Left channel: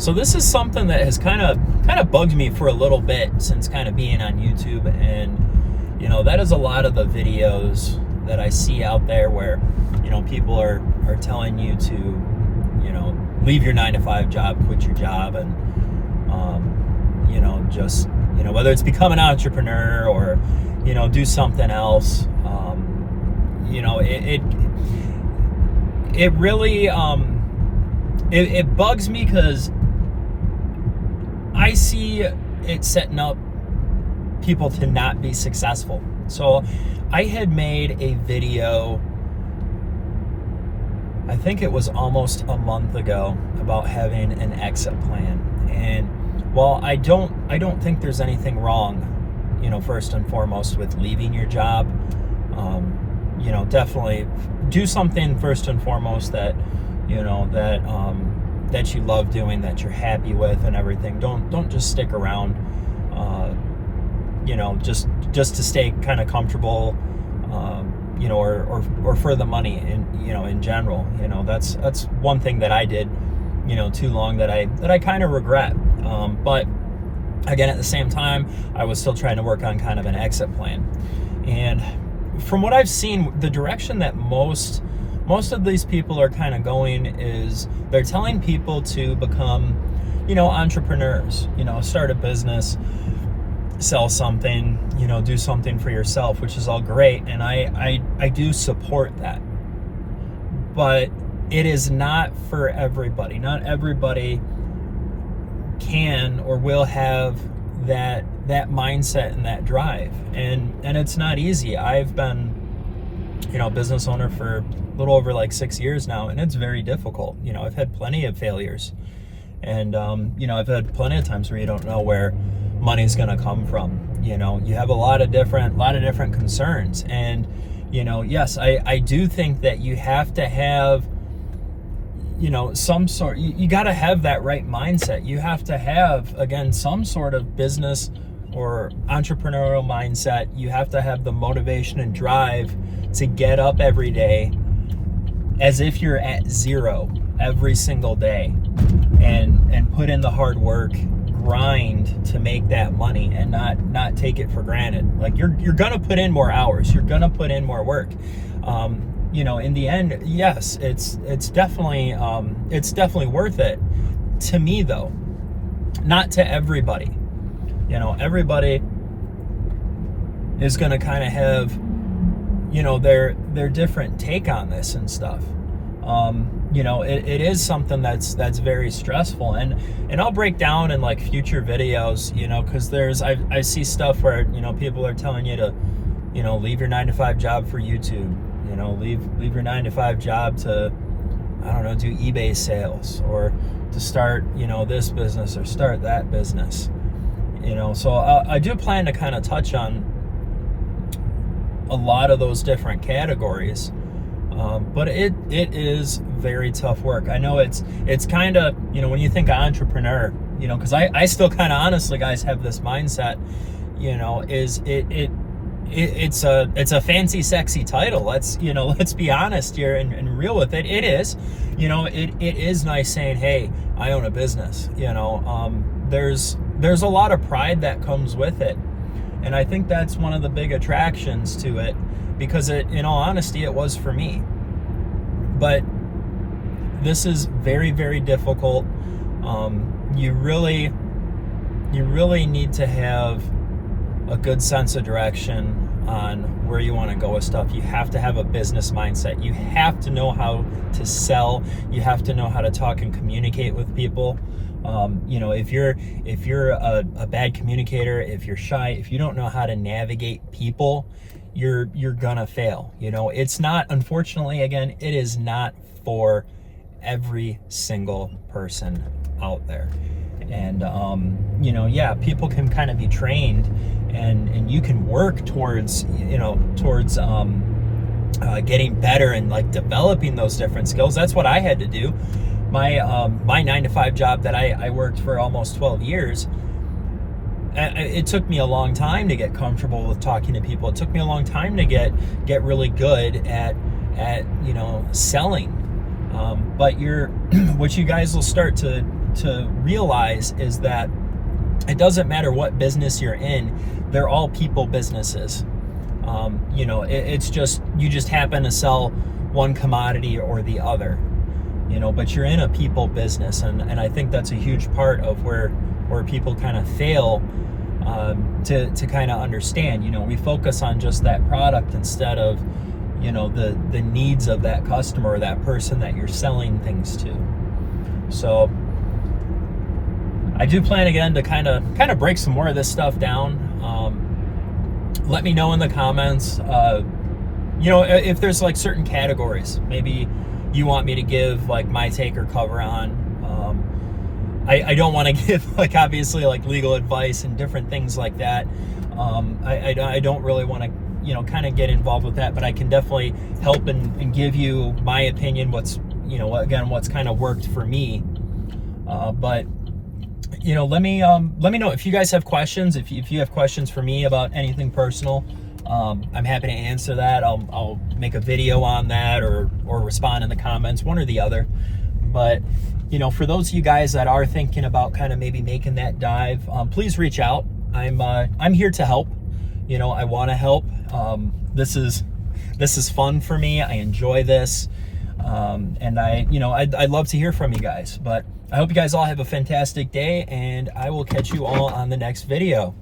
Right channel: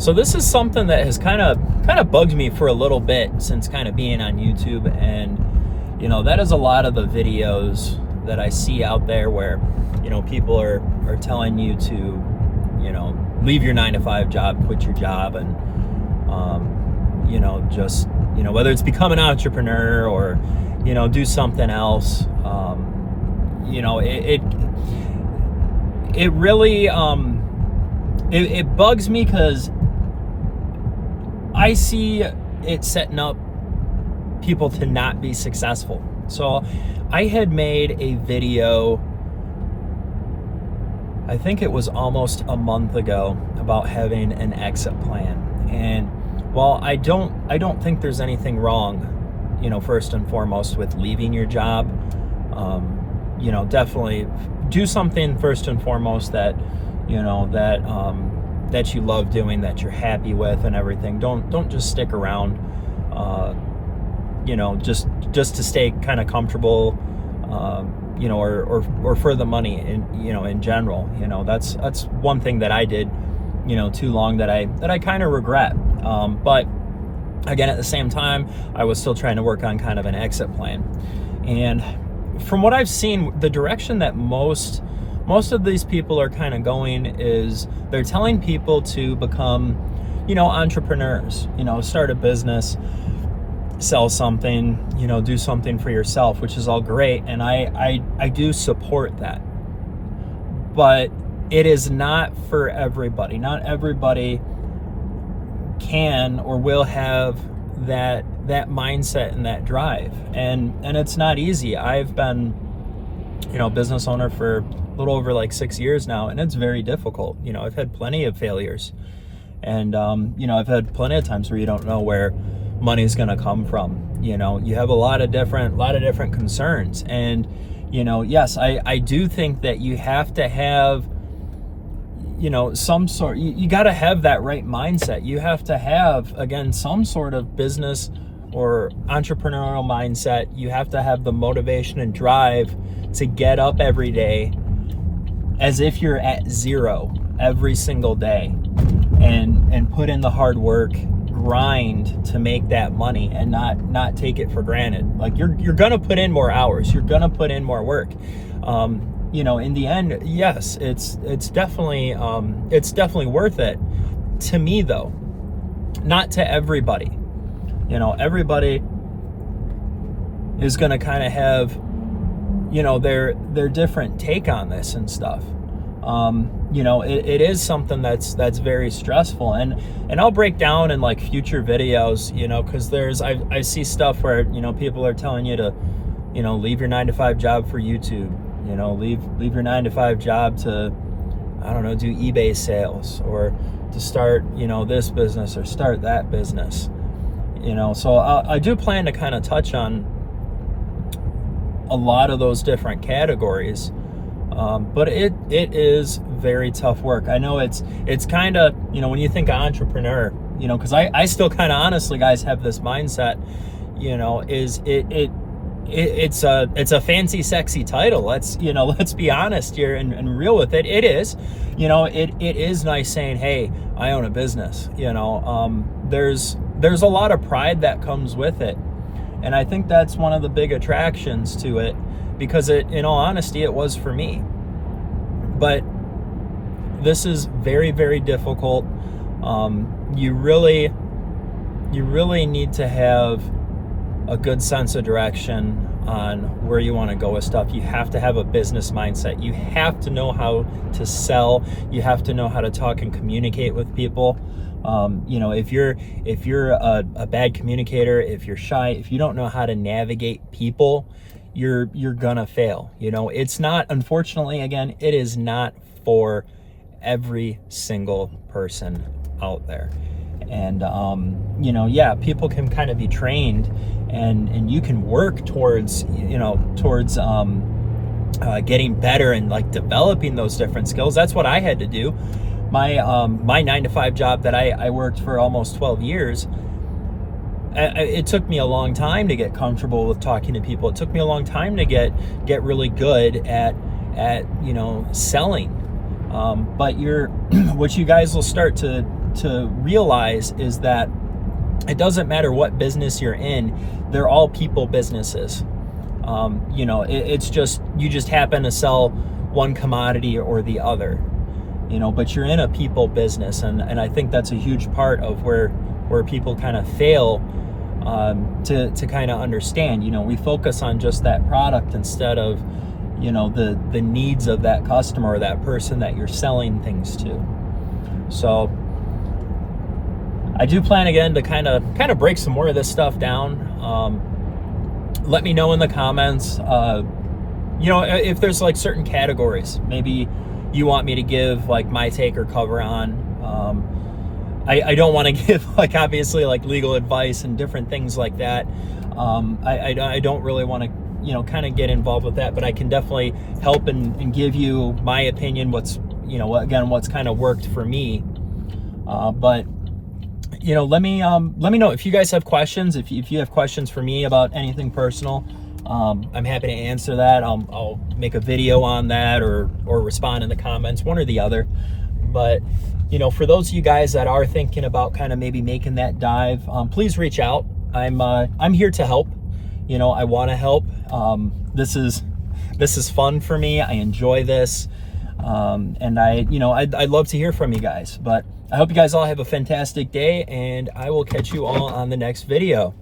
So this is something that has kind of bugged me for a little bit since kind of being on YouTube, and that is a lot of the videos that I see out there where people are telling you to leave your 9-to-5 job, quit your job, and just whether it's become an entrepreneur or do something else. It really it bugs me because I see it setting up people to not be successful. So I had made a video, I think it was almost a month ago, about having an exit plan. And while I don't think there's anything wrong, first and foremost with leaving your job, definitely do something first and foremost that that you love doing, that you're happy with and everything. Don't just stick around just to stay kind of comfortable, or for the money in general. That's one thing that I did too long that I kind of regret. But again, at the same time, I was still trying to work on kind of an exit plan. And from what I've seen, the direction that most of these people are kind of going is they're telling people to become, entrepreneurs, start a business, sell something, do something for yourself, which is all great. And I do support that. But it is not for everybody. Not everybody can or will have that mindset and that drive. And it's not easy. I've been, business owner for a little over like 6 years now, and it's very difficult. I've had plenty of failures, and I've had plenty of times where you don't know where money's going to come from. You have a lot of different concerns, and yes, I do think that you have to have some sort, you got to have that right mindset. You have to have, again, some sort of business or entrepreneurial mindset. You have to have the motivation and drive to get up every day as if you're at zero every single day, and put in the hard work, grind to make that money, and not take it for granted. Like you're gonna put in more hours, you're gonna put in more work. In the end, yes, it's definitely worth it. To me, though, not to everybody. Everybody is gonna kind of have their different take on this and stuff. It is something that's very stressful, and I'll break down in like future videos, because I see stuff where people are telling you to leave your 9-to-5 job for YouTube, leave your 9-to-5 job to, I don't know, do eBay sales, or to start this business or start that business. So I do plan to kind of touch on a lot of those different categories. But it is very tough work. I know it's kind of, when you think of entrepreneur, because I still kind of honestly, guys, have this mindset, it's a fancy, sexy title. Let's be honest here and real with it. It is, it is nice saying, hey, I own a business. There's a lot of pride that comes with it. And I think that's one of the big attractions to it, because in all honesty, it was for me. But this is very, very difficult. You really need to have a good sense of direction on where you want to go with stuff. You have to have a business mindset. You have to know how to sell. You have to know how to talk and communicate with people. If you're a bad communicator, if you're shy, if you don't know how to navigate people, you're gonna fail. It's not, unfortunately, again, it is not for every single person out there. And people can kind of be trained, and you can work towards getting better and like developing those different skills. That's what I had to do. My 9-to-5 job that I worked for almost 12 years, it took me a long time to get comfortable with talking to people. It took me a long time to get really good at selling. But what you guys will start to to realize is that it doesn't matter what business you're in, they're all people businesses. You know, it's just, you just happen to sell one commodity or the other, you know, but you're in a people business. And I think that's a huge part of where people kind of fail to kind of understand. You know, we focus on just that product instead of, you know, the needs of that customer or that person that you're selling things to. So I do plan again to kind of break some more of this stuff down. Let me know in the comments, you know, if there's like certain categories maybe you want me to give like my take or cover on. I don't want to give like obviously like legal advice and different things like that. I don't really want to, you know, kind of get involved with that, but I can definitely help and give you my opinion, what's, you know, again, what's kind of worked for me. But you know, let me know if you guys have questions. If you have questions for me about anything personal, I'm happy to answer that. I'll make a video on that or respond in the comments, one or the other. But you know, for those of you guys that are thinking about kind of maybe making that dive, please reach out. I'm here to help. You know, I want to help. This is fun for me. I enjoy this, and I'd love to hear from you guys. But I hope you guys all have a fantastic day, and I will catch you all on the next video.